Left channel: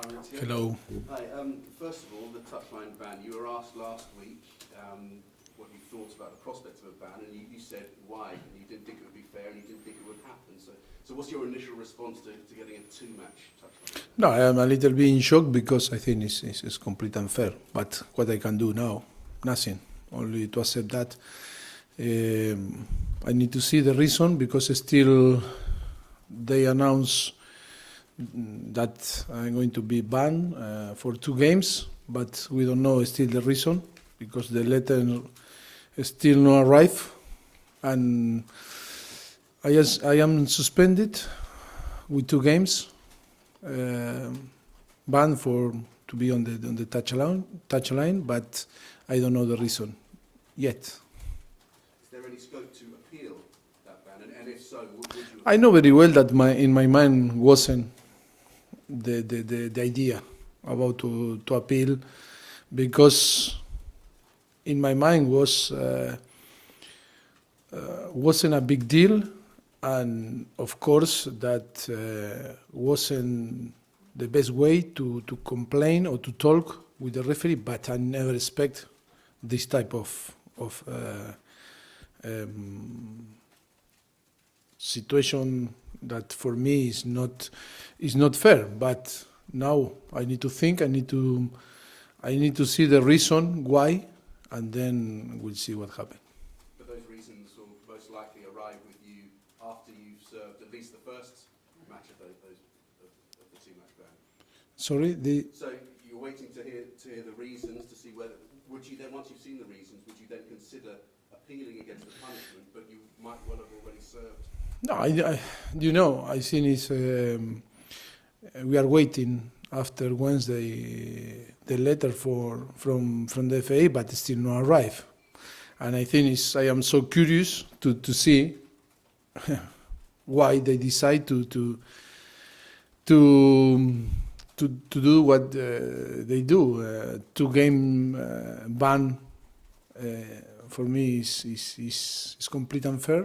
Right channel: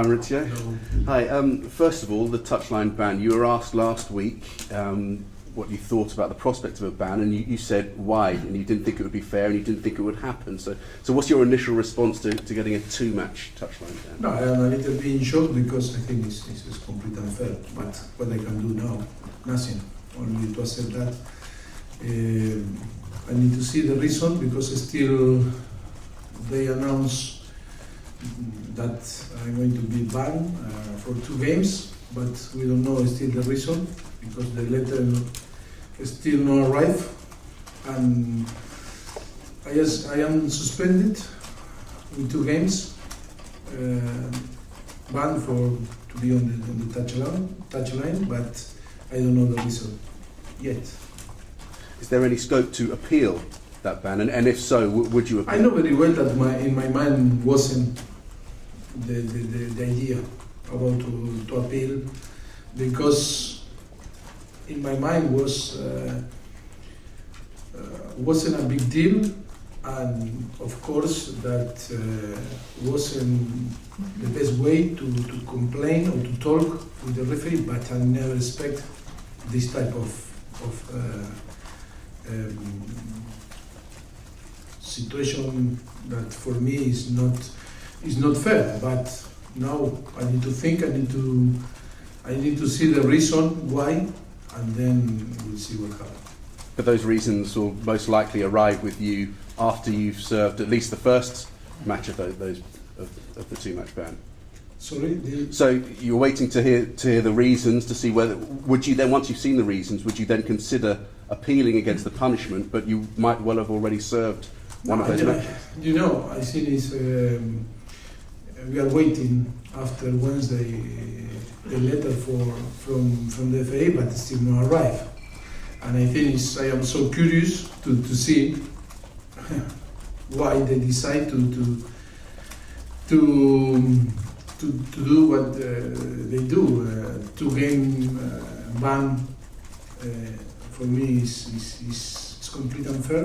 Hi Mauricio. Hello. Hi. First of all, the touchline ban. You were asked last week what you thought about the prospect of a ban, and you said why, and you didn't think it would be fair, and you didn't think it would happen. So what's your initial response to getting a two-match touchline ban? No, I'm a little bit in shock because I think it's completely unfair. But what I can do now, nothing. Only to accept that. I need to see the reason because still they announce that I'm going to be banned for 2 games, but we don't know still the reason because the letter still not arrived, and I am suspended with 2 games, banned to be on the touchline, but I don't know the reason yet. Is there any scope to appeal that ban, and if so, would you appeal? I know very well that in my mind wasn't the idea about to appeal, because in my mind wasn't a big deal, and of course that wasn't the best way to complain or to talk with the referee, but I never expect this type of situation that for me is not fair. But now I need to think. I need to see the reason why, and then we'll see what happens. But those reasons will most likely arrive with you after you've served at least the first match of the 2-match ban. Sorry. So you're waiting to hear the reasons to see whether would you then, once you've seen the reasons, would you then consider appealing against the punishment? But you might well have already served. I think it's we are waiting after Wednesday the letter from the FA, but it still not arrive. And I think I am so curious to see why they decide to do what they do. 2-game ban for me is completely unfair,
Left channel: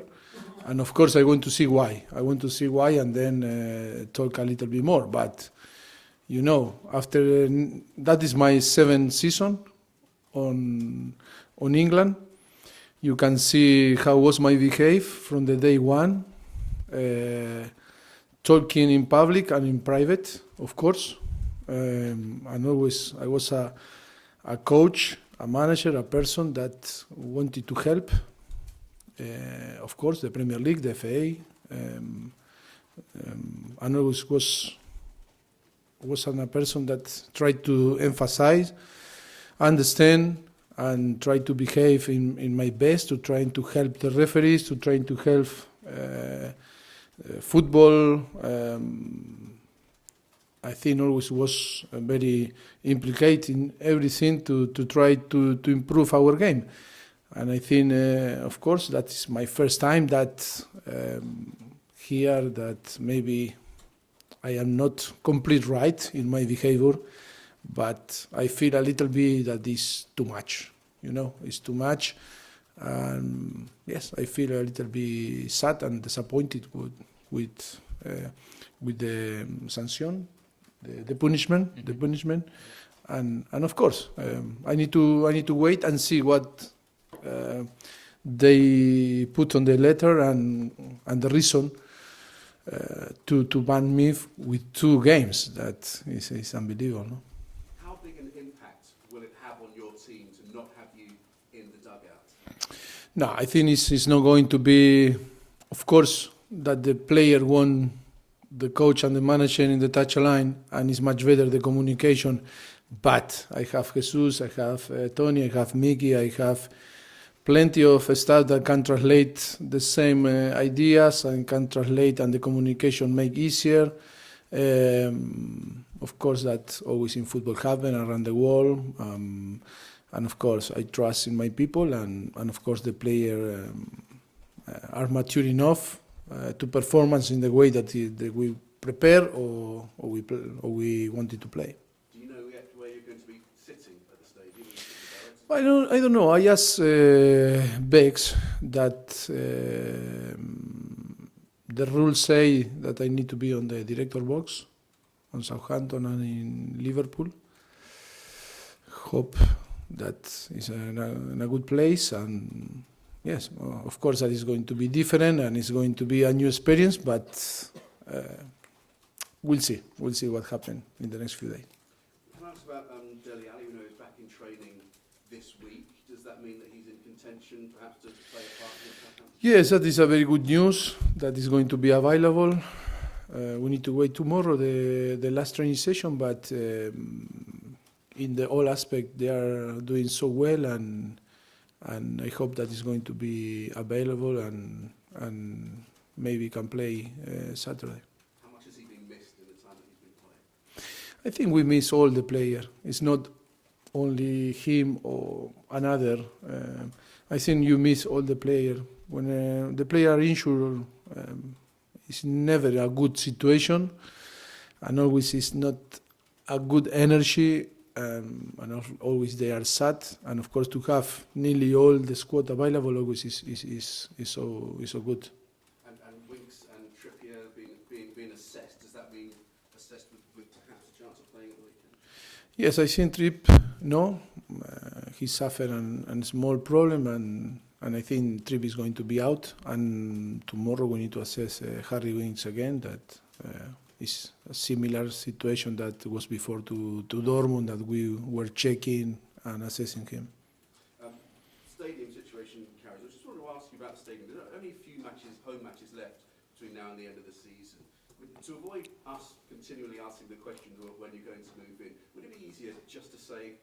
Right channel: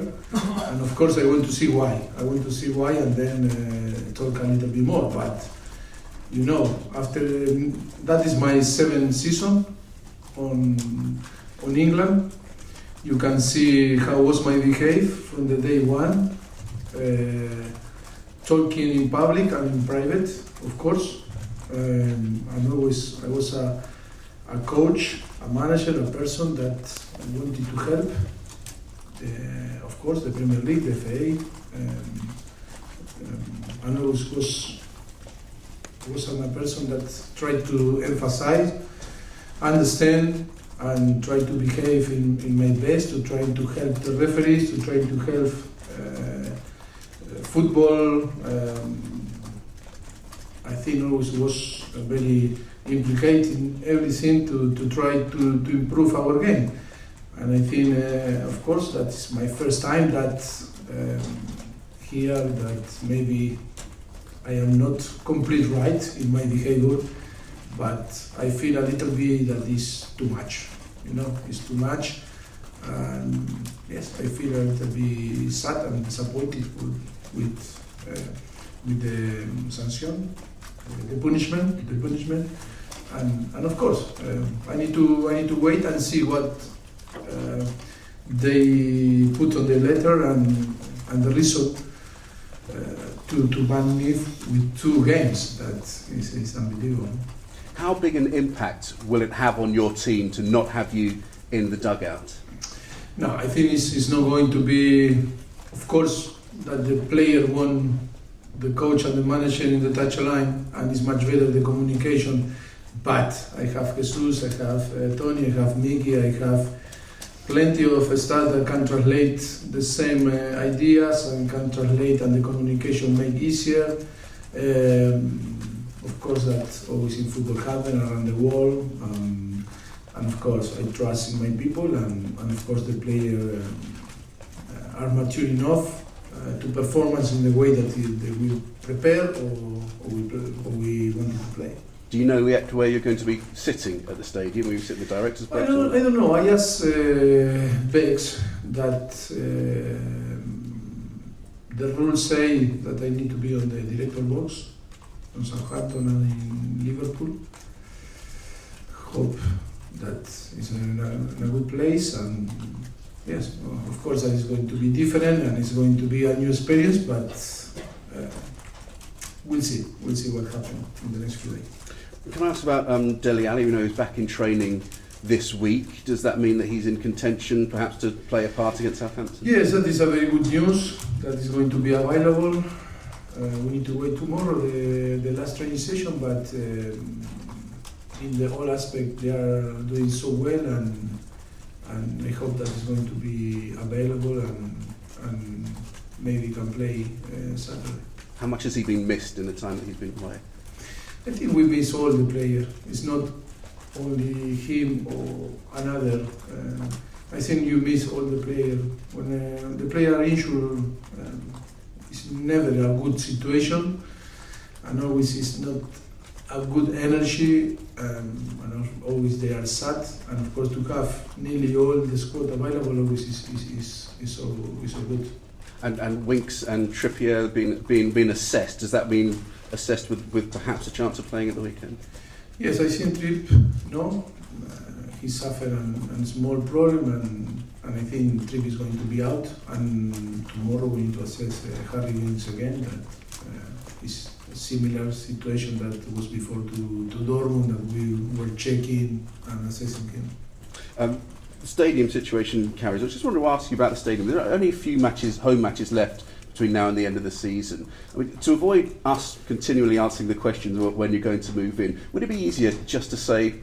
and of course I want to see why. And then talk a little bit more. But after that is my 7th season on England. You can see how was my behavior from the day one, talking in public and in private, of course. And always I was a coach, a manager, a person that wanted to help. Of course, the Premier League, the FA, and always was a person that tried to emphasize, understand, and try to behave in my best, to try to help the referees, to try to help football. I think always was very implicated in everything to try to improve our game. And I think, of course, that's my first time that here that maybe I am not complete right in my behavior, but I feel a little bit that is too much. It's too much. And yes, I feel a little bit sad and disappointed with the sanction, the punishment, and of course I need to wait and see what they put on the letter and the reason to ban me with 2 games. That is unbelievable. How big an impact will it have on your team to not have you in the dugout? No, I think it's not going to be, of course, that the player want the coach and the manager in the touchline, and it's much better the communication. But I have Jesus, I have Tony, I have Mickey, I have plenty of staff that can translate the same ideas and can translate, and the communication make easier. Of course, that always in football happen around the world, and of course I trust in my people, and of course the player are mature enough to performance in the way that they will prepare or we wanted to play. Do you know yet where you're going to be sitting at the stadium? Will you sit in the director's box? I don't know. I asked Bex that the rules say that I need to be on the director box, on Southampton and in Liverpool. Hope that is in a good place, and yes, of course that is going to be different and it's going to be a new experience, but we'll see what happens in the next few days. Can I ask about Dele Alli? We know he's back in training this week. Does that mean that he's in contention perhaps to play a part against Southampton? Yes, that is a very good news that is going to be available. We need to wait tomorrow, the last training session, but in the all aspect they are doing so well, and I hope that is going to be available and maybe can play Saturday. How much has he been missed in the time that he's been away? I think we miss all the players. It's not only him or another. I think you miss all the players. When the player are injured, it's never a good situation, and always it's not a good energy, and always they are sad. And of course, to have nearly all the squad available always is so good. And Winks and Trippier being assessed. Does that mean assessed with perhaps a chance of playing at the weekend? Yes, I think Tripp, no. He suffered a small problem, and I think Tripp is going to be out. And tomorrow we need to assess Harry Winks again. That is a similar situation that was before to Dortmund, that we were checking and assessing him. Stadium situation carries. I just wanted to ask you about the stadium. There are only a few home matches left between now and the end of the season. I mean, to avoid us continually answering the questions of when you're going to move in, would it be easier just to say,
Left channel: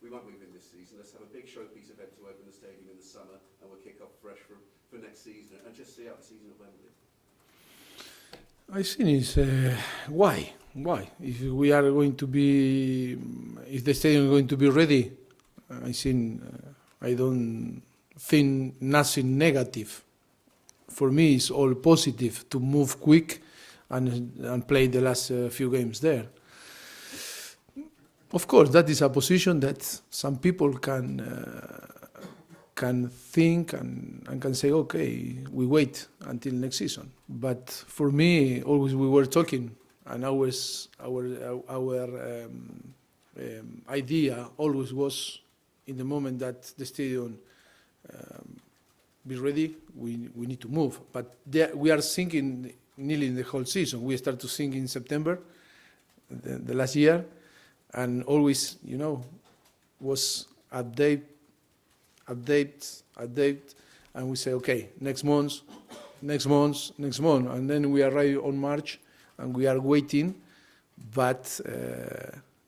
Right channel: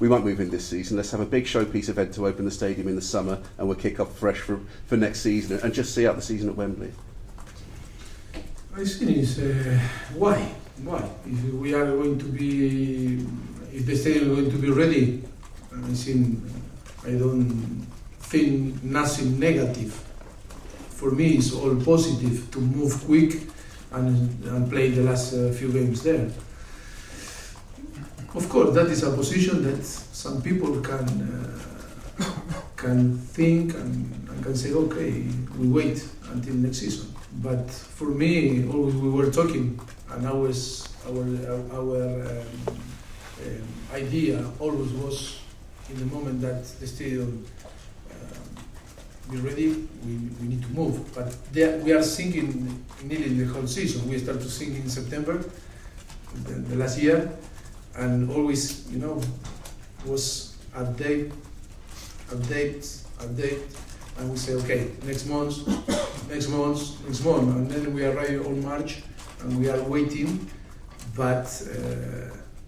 we won't move in this season, let's have a big showpiece event to open the stadium in the summer and we'll kick off fresh for next season, and just see out the season at Wembley? I think it's why? If we are going to be, if the stadium is going to be ready, I don't think nothing negative. For me, it's all positive to move quick and play the last few games there. Of course, that is a position that some people can think and can say, okay, we wait until next season. But for me, always we were talking, and always our idea always was, in the moment that the stadium be ready, we need to move. But we are thinking nearly the whole season. We start to think in September, the last year, and always, was update, and we say, okay, next month, and then we arrive on March, and we are waiting. But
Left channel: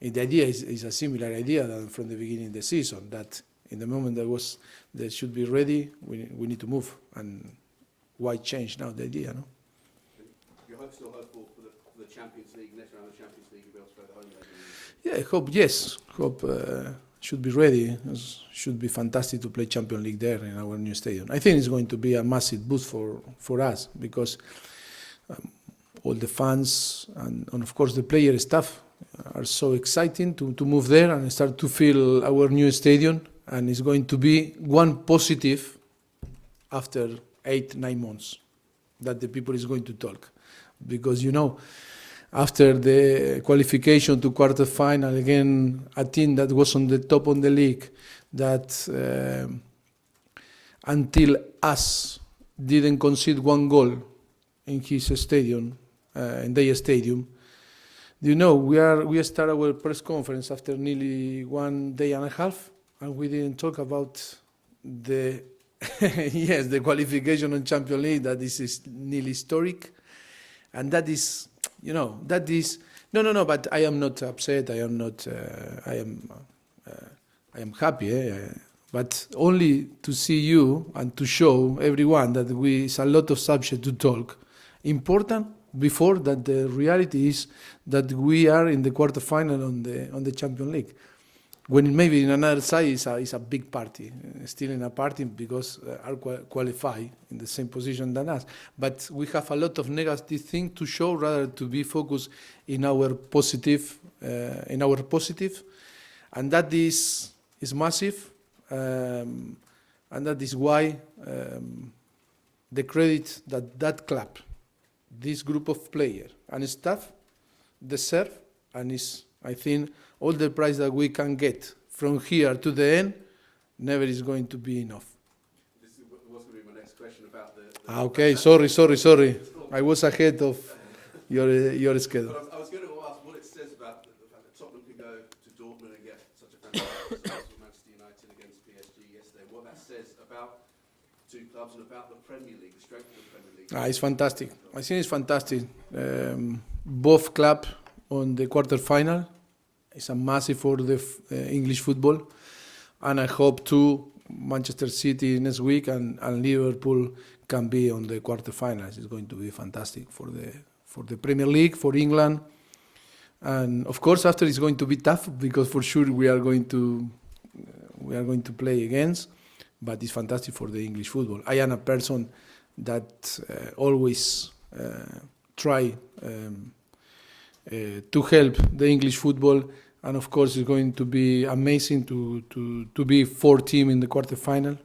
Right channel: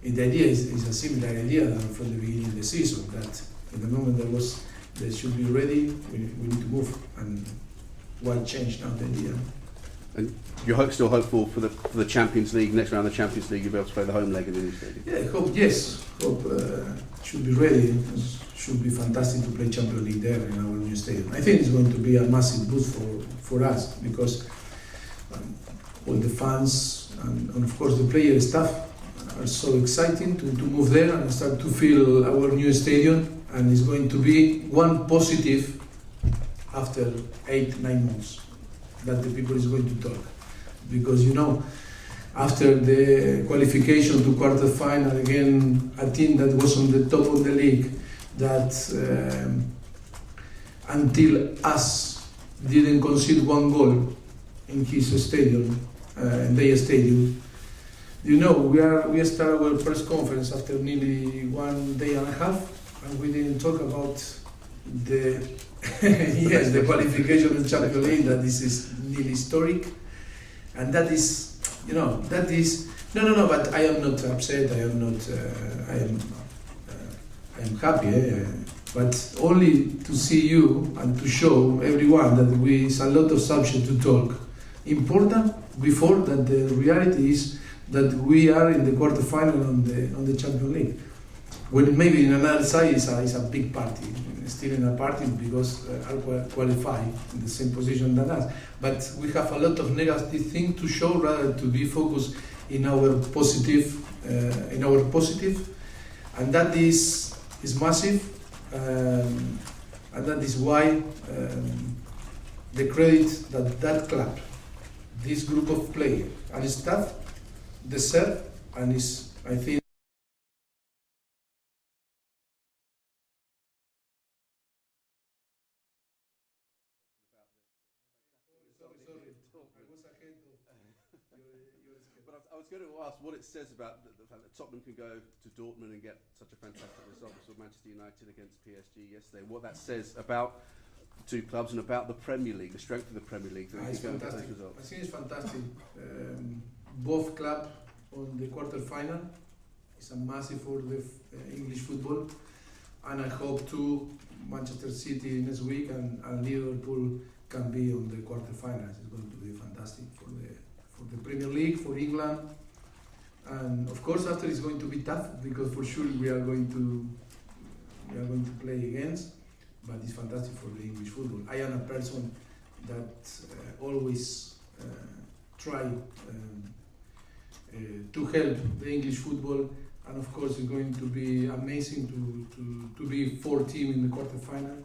the idea is a similar idea than from the beginning of the season, that in the moment that should be ready, we need to move. And why change now the idea? And you're still hopeful for the Champions League, next round of the Champions League, you'll be able to play the home leg in the new stadium? Yeah, hope should be ready. It should be fantastic to play Champions League there in our new stadium. I think it's going to be a massive boost for us, because all the fans and of course the player staff are so exciting to move there and start to feel our new stadium, and it's going to be one positive after 8-9 months that the people is going to talk, because after the qualification to quarterfinal, again a team that was on the top of the league, that until us didn't concede one goal in his stadium, in their stadium. We start our press conference after nearly 1 day and a half, and we didn't talk about the the qualification in Champions League. That this is nearly historic, and that is no. But I am not upset. I am not. I am happy. But only to see you and to show everyone that it's a lot of subject to talk. Important before that, the reality is that we are in the quarterfinal on the Champions League. When maybe in another side is a big party, still in a party, because are qualified in the same position than us. But we have a lot of negative things to show, rather to be focused in our positive, and that is massive, and that is why the credit that club, this group of players and staff, deserve, and is, I think, all the price that we can get from here to the end never is going to be enough. This was going to be my next question about the Okay, sorry. I was ahead of your schedule. But I was going to ask what it says about the fact that Tottenham could go to Dortmund and get such a fantastic result with Manchester United against PSG yesterday. What that says about the two clubs and about the Premier League, the strength of the Premier League. It's fantastic. I think it's fantastic. Both clubs on the quarterfinal. It's a massive for the English football, and I hope too Manchester City next week and Liverpool can be on the quarterfinals. It's going to be fantastic for the Premier League, for England, and of course after it's going to be tough because for sure we are going to play against, but it's fantastic for the English football. I am a person that always try to help the English football, and of course it's going to be amazing to be 4 team in the quarterfinal.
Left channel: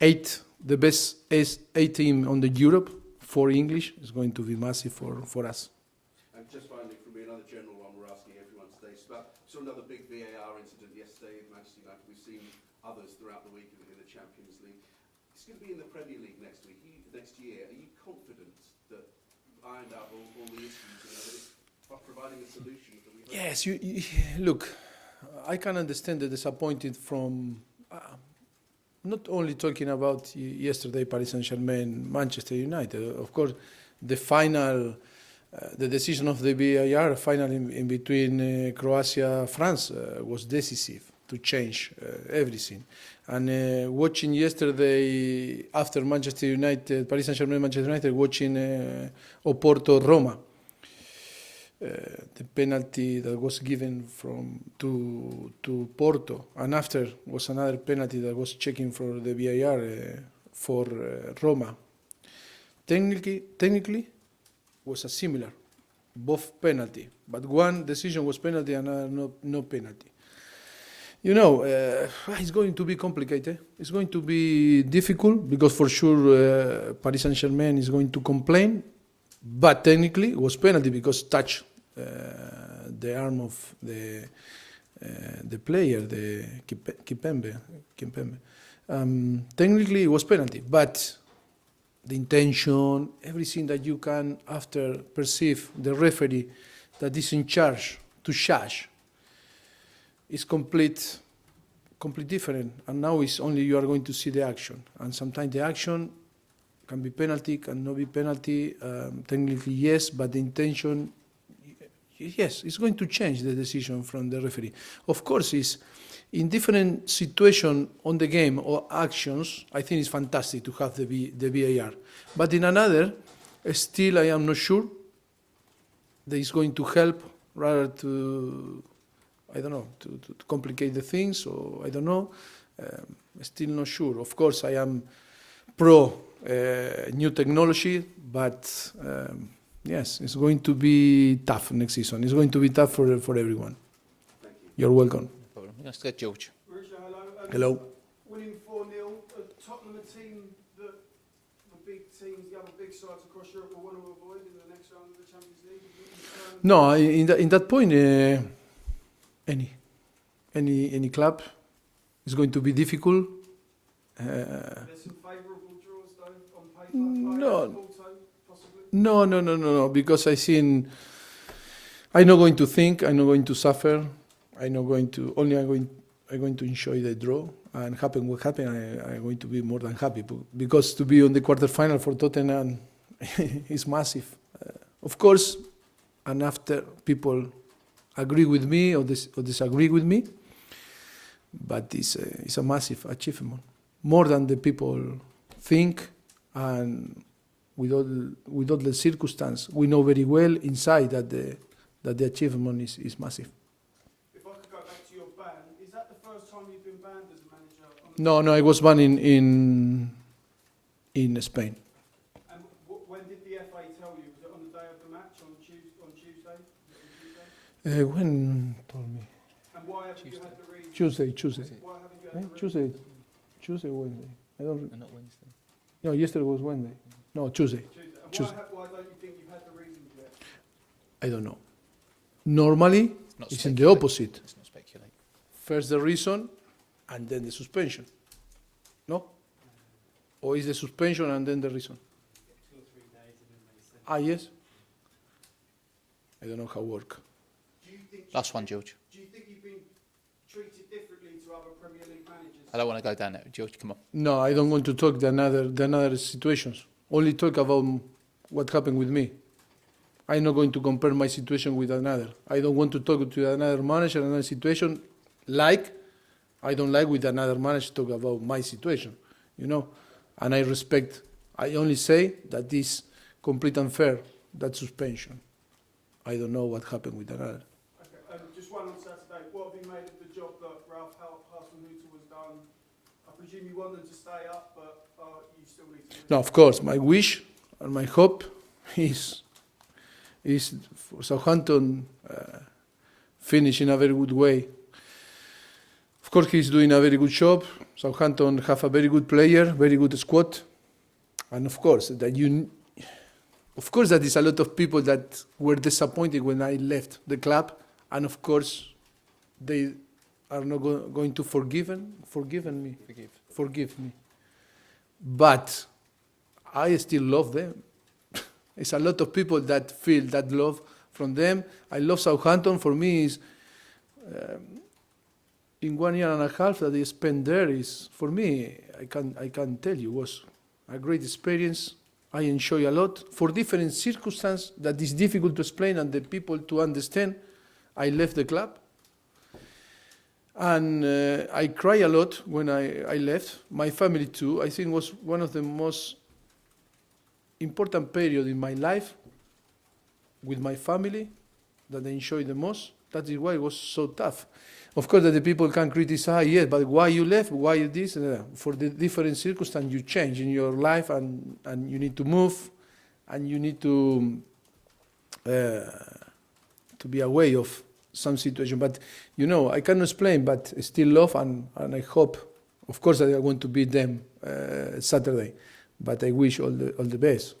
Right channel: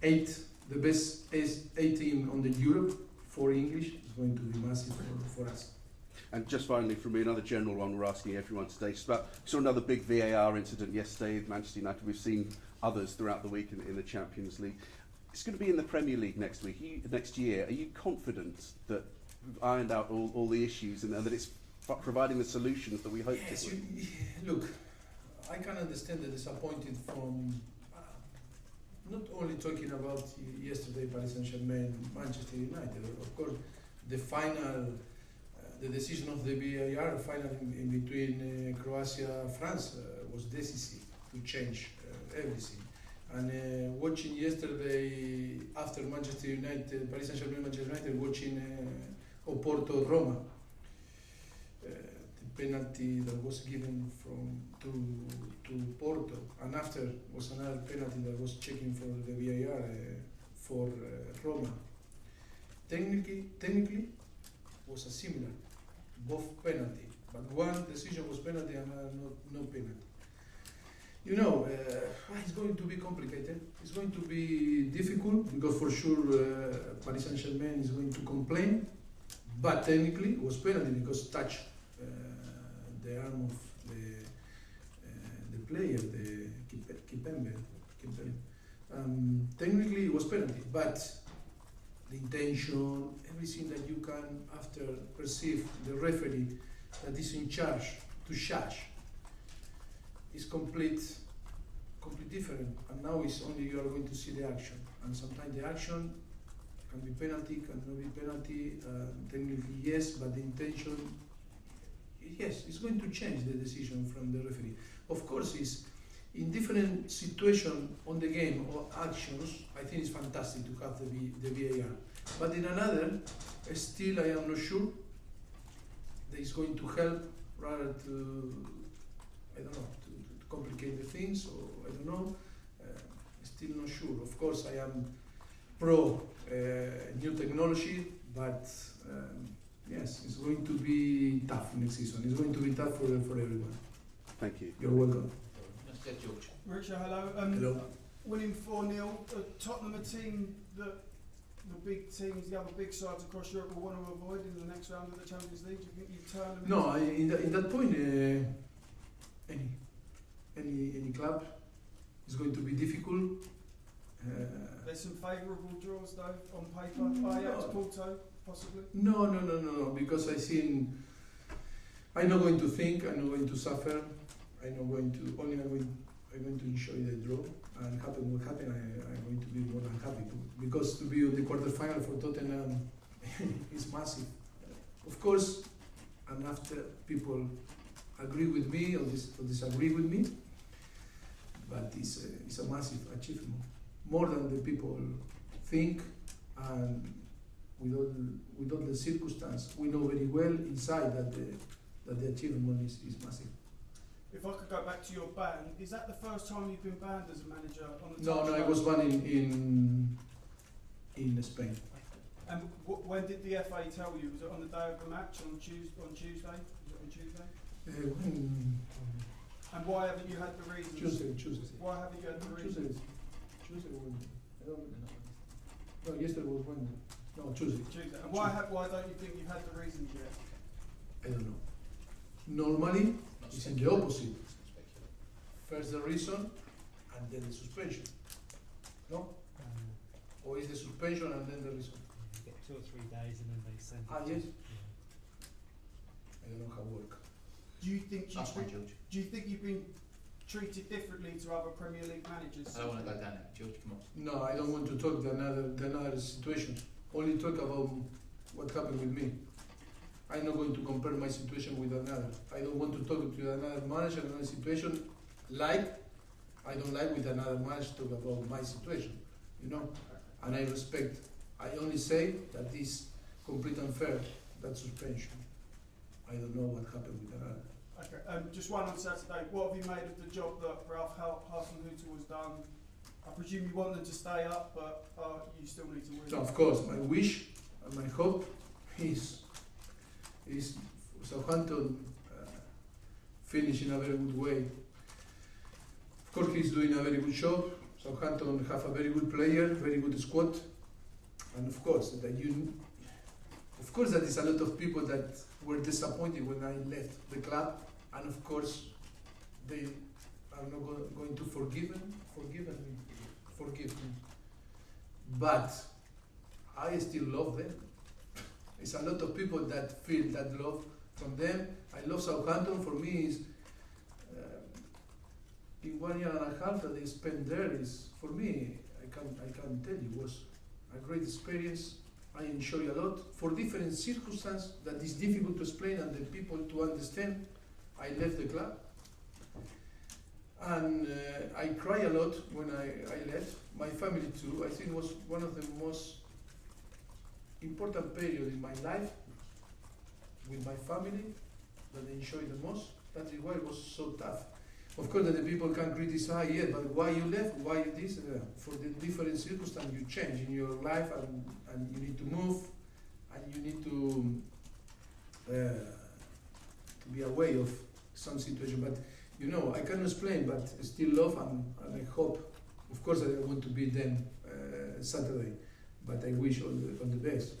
8, the best 8 team on the Europe for English is going to be massive for us. And just finally from me, another general one we're asking everyone today. Just about, we saw another big VAR incident yesterday with Manchester United. We've seen others throughout the week in the Champions League. It's going to be in the Premier League next year. Are you confident that we've ironed out all the issues and that it's providing the solutions that we hope? Yes, you look, I can understand the disappointed from not only talking about yesterday Paris Saint-Germain, Manchester United. Of course, the final, the decision of the VAR final in between Croatia, France was decisive to change everything. And watching yesterday after Manchester United, Paris Saint-Germain, Manchester United, watching Oporto, Roma, the penalty that was given to Porto, and after was another penalty that was checking for the VAR for Roma. Technically was a similar, both penalty, but one decision was penalty and another no penalty. You know, it's going to be complicated. It's going to be difficult because for sure Paris Saint-Germain is going to complain, but technically it was penalty because touch the arm of the player, the Kimpembe. Technically it was penalty, but the intention, everything that you can after perceive the referee that is in charge to judge is complete different, and now it's only you are going to see the action, and sometimes the action can be penalty, can not be penalty, technically yes, but the intention, yes, it's going to change the decision from the referee. Of course, it's in different situation on the game or actions, I think it's fantastic to have the VAR, but in another, still I am not sure that it's going to help rather to, I don't know, to complicate the things, or I don't know, still not sure. Of course, I am pro new technology, but yes, it's going to be tough next season. It's going to be tough for everyone. Thank you. You're welcome. Let's get George. Richard, hello. Hello. Winning 4-0, Tottenham, a team that the big teams, the other big sides across Europe will want to avoid in the next round of the Champions League. No, in that point, any club is going to be difficult. There's some favourable draws though on paper. No. Porto, possibly. No, because I'm not going to think, I'm not going to suffer, I'm going to enjoy the draw, and happen what happen, I'm going to be more than happy, because to be on the quarterfinal for Tottenham is massive. Of course, and after people agree with me or disagree with me, but it's a massive achievement, more than the people think, and with all the circumstance, we know very well inside that the achievement is massive. If I could go back to your ban, is that the first time you've been banned as a manager? No, I was banned in Spain. And when did the FA tell you? Was it on the day of the match on Tuesday? Was it on Tuesday? When told me? And why haven't you had the reason? Tuesday. Why haven't you had the reason? Tuesday, Wednesday. I don't. No, yesterday was Wednesday. No, Tuesday. Tuesday. And Tuesday. why don't you think you've had the reasons yet? I don't know. Normally, Not it's in the speculate. opposite. Let's not speculate. First the reason, and then the suspension. No? Or is the suspension and then the reason? You get 2 or 3 days and then they send. Ah, yes. I don't know how work. Do you think? Last one, George. Do you think you've been treated differently to other Premier League managers? I don't want to go down there. George, come on. No, I don't want to talk the another situations. Only talk about what happened with me. I'm not going to compare my situation with another. I don't want to talk to another manager, another situation, like I don't like with another manager talk about my situation, you know. And I respect. I only say that this complete unfair, that suspension. I don't know what happened with another. Okay, just one on Saturday. What have you made of the job that Ralph Hasenhuttl was done? I presume you want them to stay up, but you still need to win. No, of course, my wish and my hope is for Southampton finish in a very good way. Of course, he's doing a very good job. Southampton have a very good player, very good squad, and of course that that is a lot of people that were disappointed when I left the club, and of course they are not going to forgive me. But I still love them. It's a lot of people that feel that love from them. I love Southampton. For me, is in 1 year and a half that I spent there is for me. I can tell you was a great experience. I enjoy a lot for different circumstances that is difficult to explain and the people to understand. I left the club, and I cry a lot when I left. My family too. I think was one of the most important period in my life with my family that I enjoyed the most. That is why it was so tough. Of course, that the people can criticize, yes, but why you left? Why this? For the different circumstances you change in your life, and you need to move, and you need to be aware of some situation. But you know, I cannot explain, but I still love, and I hope, of course, that I want to beat them Saturday. But I wish all the best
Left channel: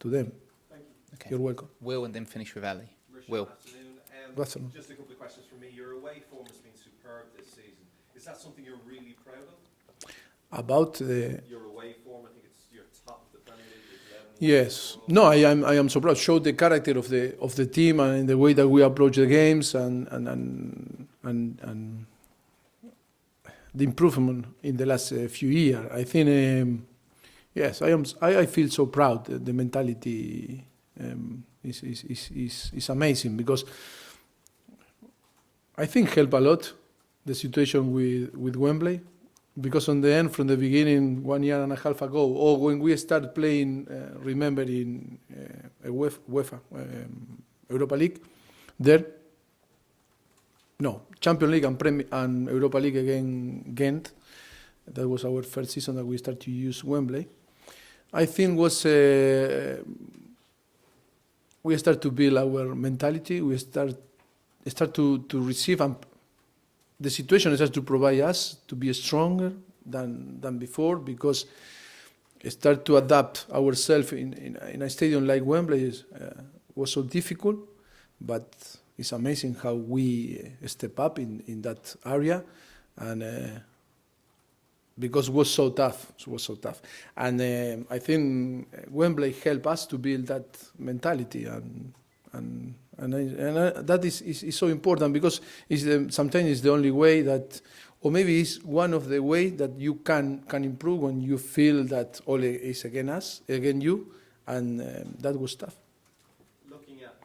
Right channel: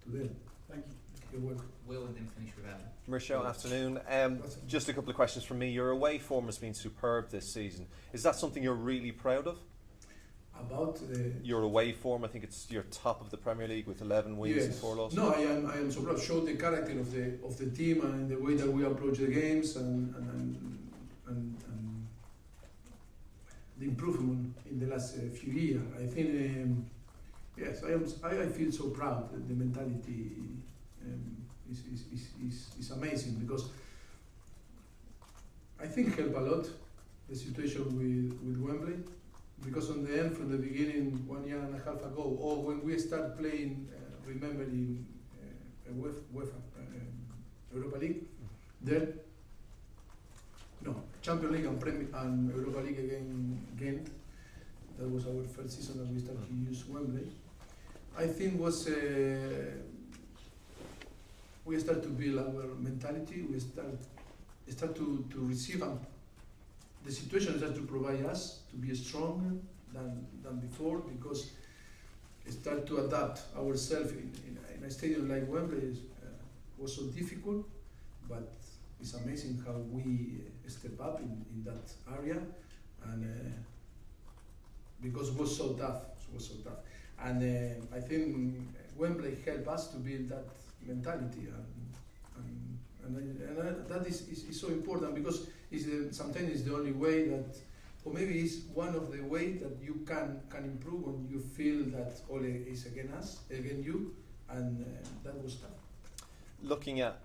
to them. Thank you. Okay. You're welcome. Will and then finish with Ali. Mauricio, Will. afternoon. Afternoon. Just a couple of questions from me. Your away form has been superb this season. Is that something you're really proud of? About the Your away form, I think it's your top of the Premier League with 11 wins and yes, 4 losses. no, I am so proud. Show the character of the team and in the way that we approach the games and the improvement in the last few years. I think yes, I feel so proud. The mentality is amazing because I think help a lot the situation with Wembley. Because on the end, from the beginning, 1 year and a half ago, or when we started playing, remember in UEFA Europa League, there, no, Champions League and Europa League again, Ghent. That was our first season that we started to use Wembley. I think was we start to build our mentality. We start to receive and the situation is just to provide us to be stronger than before because start to adapt ourselves in a stadium like Wembley was so difficult, but it's amazing how we step up in that area, and because it was so tough, and I think Wembley helped us to build that mentality and that is so important because sometimes it's the only way that, or maybe it's one of the ways that you can improve when you feel that all is against you, and that was tough. Looking at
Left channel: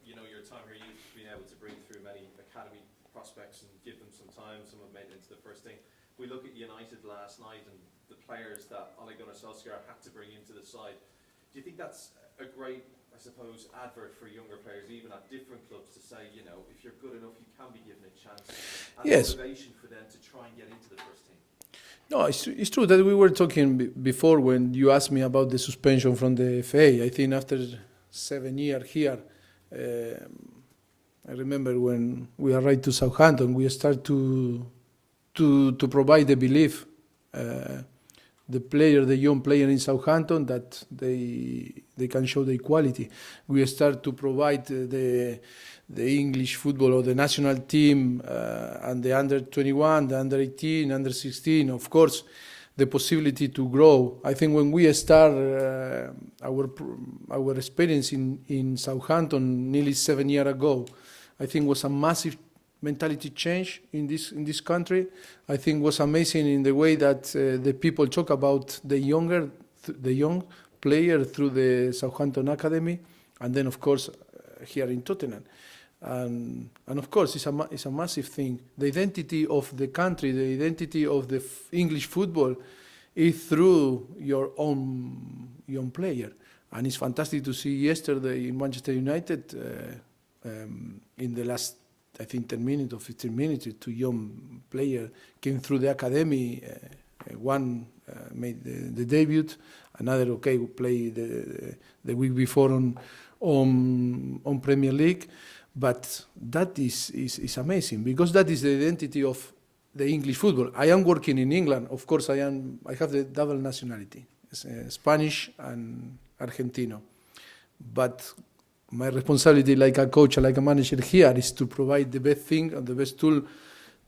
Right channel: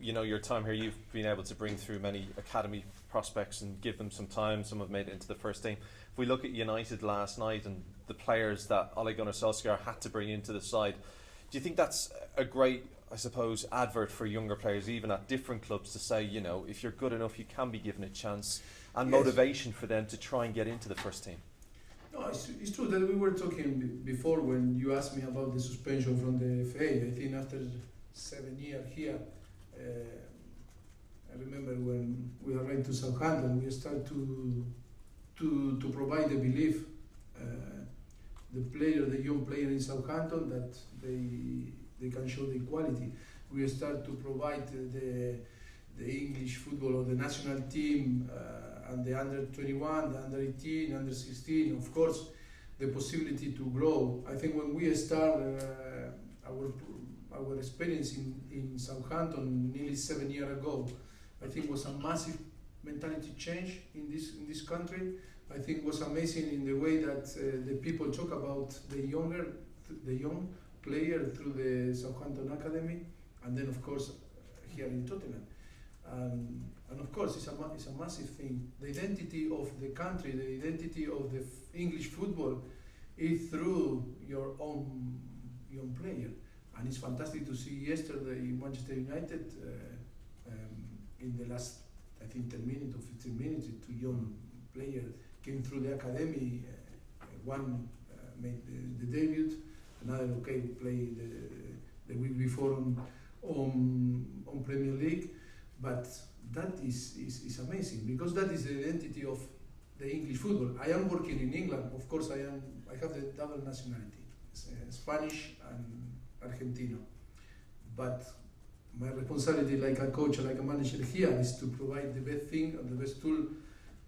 your time here, you've been able to bring through many academy prospects and give them some time. Some have made it into the first team. If we look at United last night and the players that Ole Gunnar Solskjaer had to bring into the side, do you think that's a great, I suppose, advert for younger players, even at different clubs, to say, if you're good enough, you can be given a chance, and yes, motivation for them to try and get into the first team? No, it's true that we were talking before when you asked me about the suspension from the FA. I think after 7 years here, I remember when we arrived to Southampton, we started to provide the belief the young player in Southampton, that they can show their quality. We start to provide the English football or the national team and the under 21, the under 18, under 16. Of course, the possibility to grow. I think when we start our experience in Southampton nearly 7 years ago, I think was a massive mentality change in this country. I think was amazing in the way that the people talk about the young player through the Southampton Academy, and then of course here in Tottenham. And of course it's a massive thing. The identity of the country, the identity of the English football is through your own young player. And it's fantastic to see yesterday in Manchester United in the last, I think, 10 minutes or 15 minutes, two young players came through the academy. One made the debut, another played the week before on Premier League. But that is amazing, because that is the identity of the English football. I am working in England. Of course, I have the double nationality, Spanish and Argentino. But my responsibility, like a coach, like a manager here, is to provide the best thing and the best tool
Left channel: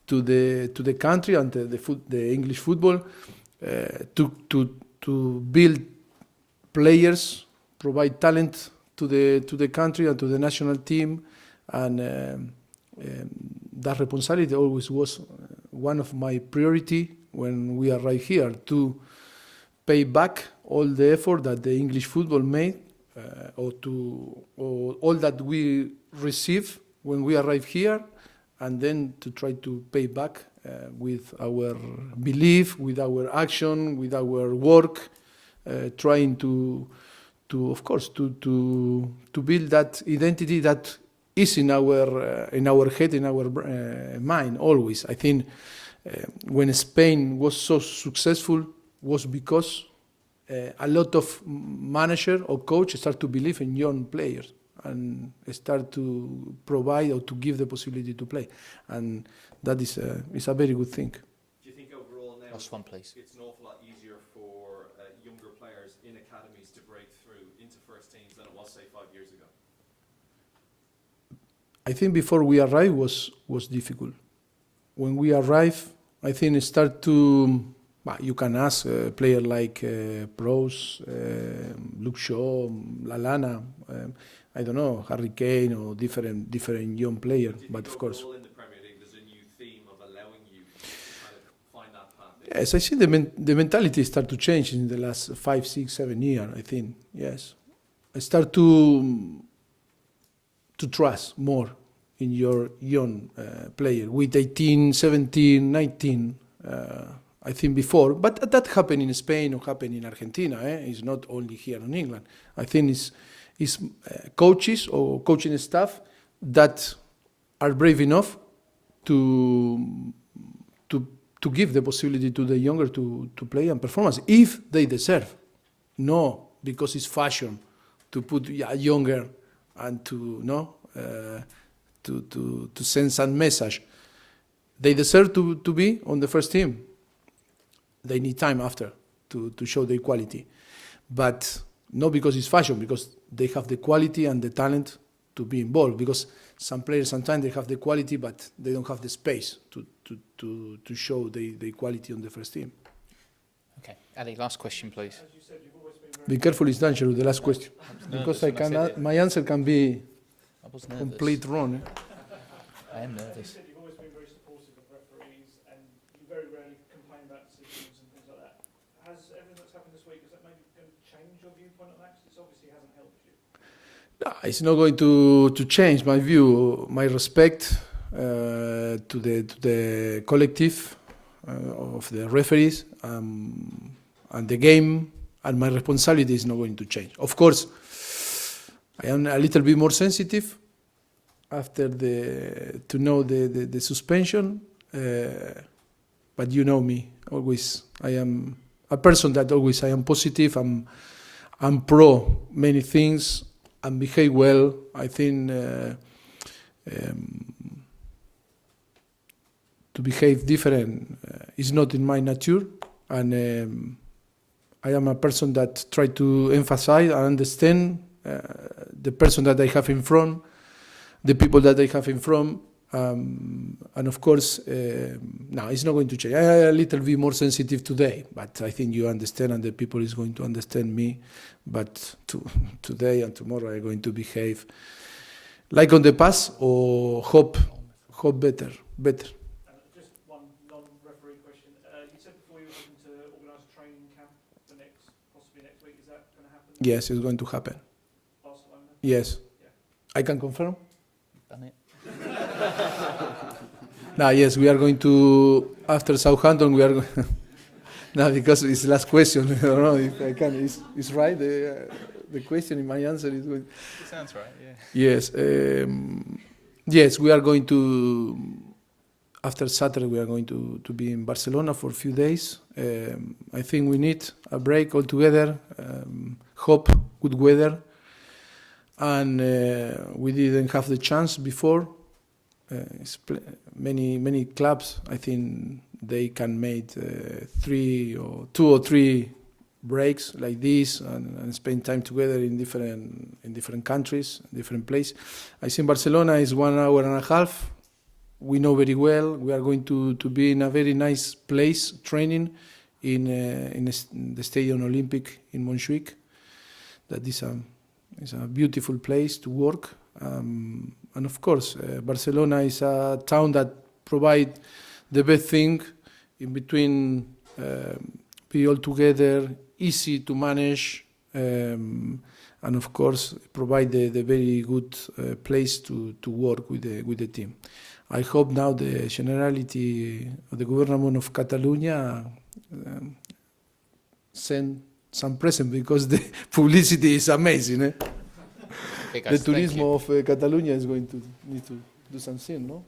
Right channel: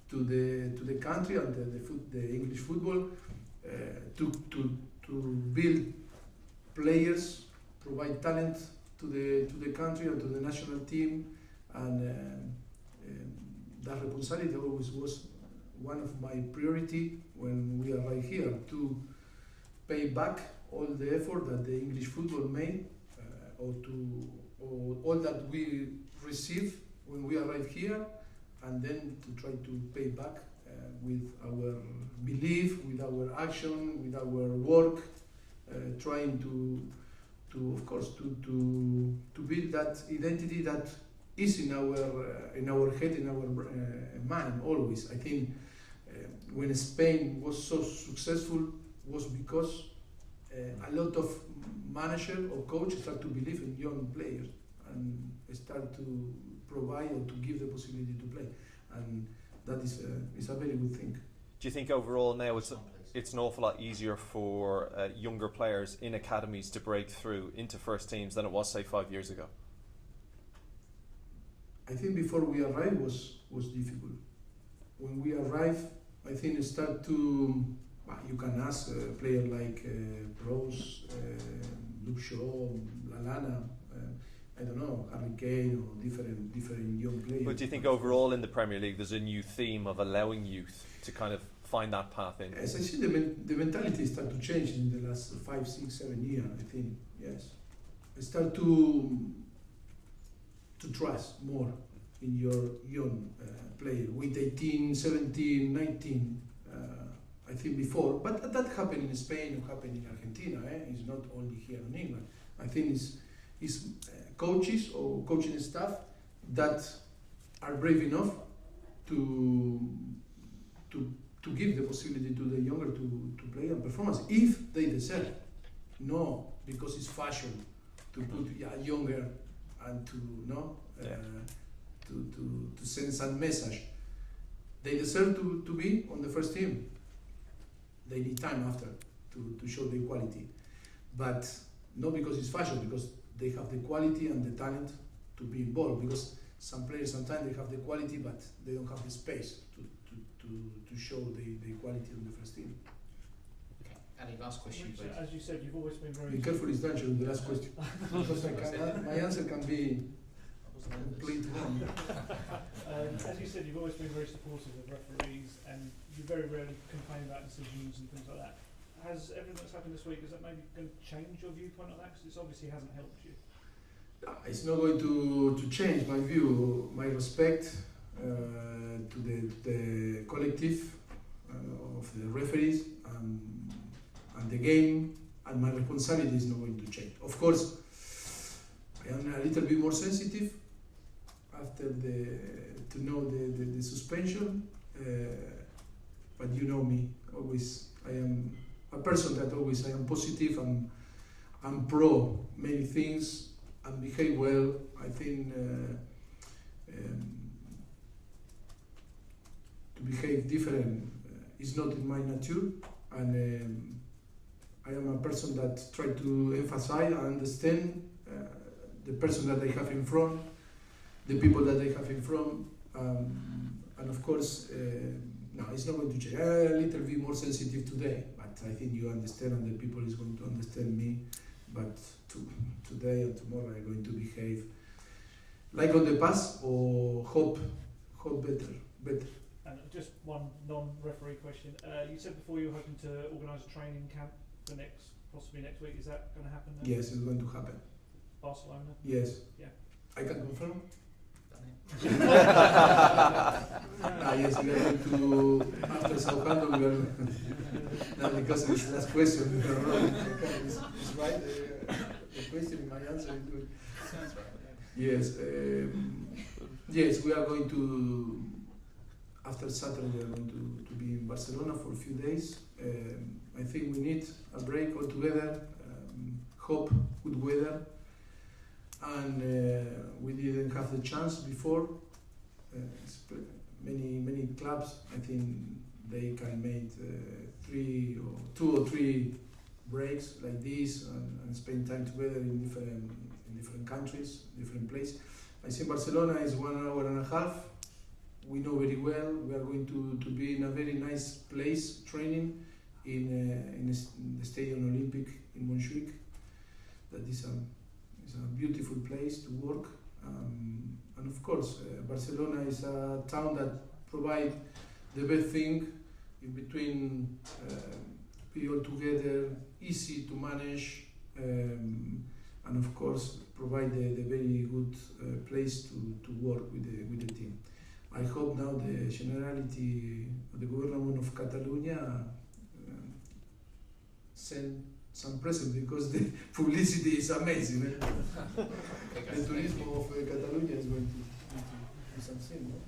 to the country and the English football, to build players, provide talent to the country and to the national team. And that responsibility always was one of my priority when we arrived here, to pay back all the effort that the English football made, or all that we receive when we arrive here, and then to try to pay back with our belief, with our action, with our work, trying to of course to build that identity that is in our head, in our mind always. I think when Spain was so successful was because a lot of manager or coach start to believe in young players and start to provide or to give the possibility to play, and that is a very good thing. Do you think overall now Please. it's an awful lot easier for younger players in academies to break through into first teams than it was, say, 5 years ago? I think before we arrived was difficult. When we arrived, I think it start to. You can ask a player like Prowse, Luke Shaw, Lallana, I don't know, Harry Kane, or different young players. But do you think overall in the Premier League there's a new theme of allowing youth to kind of find that path in? Yes, I see the mentality start to change in the last 5, 6, 7 years, I think. Yes, I start to trust more in your young player with 18, 17, 19. I think before, but that happened in Spain or happened in Argentina. It's not only here in England. I think it's coaches or coaching staff that are brave enough to give the possibility to the younger to play and performance if they deserve. No, because it's fashion to put a younger and to send some message. They deserve to be on the first team. They need time after to show their quality, but not because it's fashion, because they have the quality and the talent to be involved. Because some players sometimes they have the quality, but they don't have the space to show the quality on the first team. Okay, Ali, last question, please. As you said, you've always been very Be careful, it's dangerous. The last question, because my answer can be I was nervous. complete wrong. I'm As you nervous. said, you've always been very supportive of referees, and you very rarely complain about decisions and things like that. Has everything that's happened this week, is that maybe going to change your viewpoint on that? Because it obviously hasn't helped you. It's not going to change my view, my respect to the collective of the referees and the game, and my responsibility is not going to change. Of course, I am a little bit more sensitive after to know the suspension, but you know me, always I am a person that always I am positive, I'm pro many things and behave well. I think to behave different is not in my nature, and I am a person that try to emphasize and understand the person that I have in front, the people that I have in front, and of course, no, it's not going to change. I am a little bit more sensitive today, but I think you understand, and the people is going to understand me. But today and tomorrow I'm going to behave like on the past, or hope better. And just one non-referee question. You said before you were hoping to organise a training camp for possibly next week. Is that going to happen? Yes, it's going to happen. Barcelona? Yes. Yeah. I can confirm. Done it. No, yes, we are going to, after Southampton, we are no, because it's the last question. I don't know if I can. It's right. The question in my answer is good. Sounds right, yeah. Yes. Yes, we are going to, after Saturday, we are going to be in Barcelona for a few days. I think we need a break altogether. Hope good weather. And we didn't have the chance before. Many clubs, I think they can make 2 or 3 breaks like this and spend time together in different countries, different places. I think Barcelona is 1 hour and a half. We know very well. We are going to be in a very nice place training in the Stadium Olympic in Montjuic. That is a beautiful place to work. And of course, Barcelona is a town that provides the best thing in between, be all together, easy to manage, and of course provide the very good place to work with the team. I hope now the Generality of the Government of Catalonia send some present, because the publicity is amazing. Okay, The guys, thank you. tourism of Catalonia is going to need to do something, no?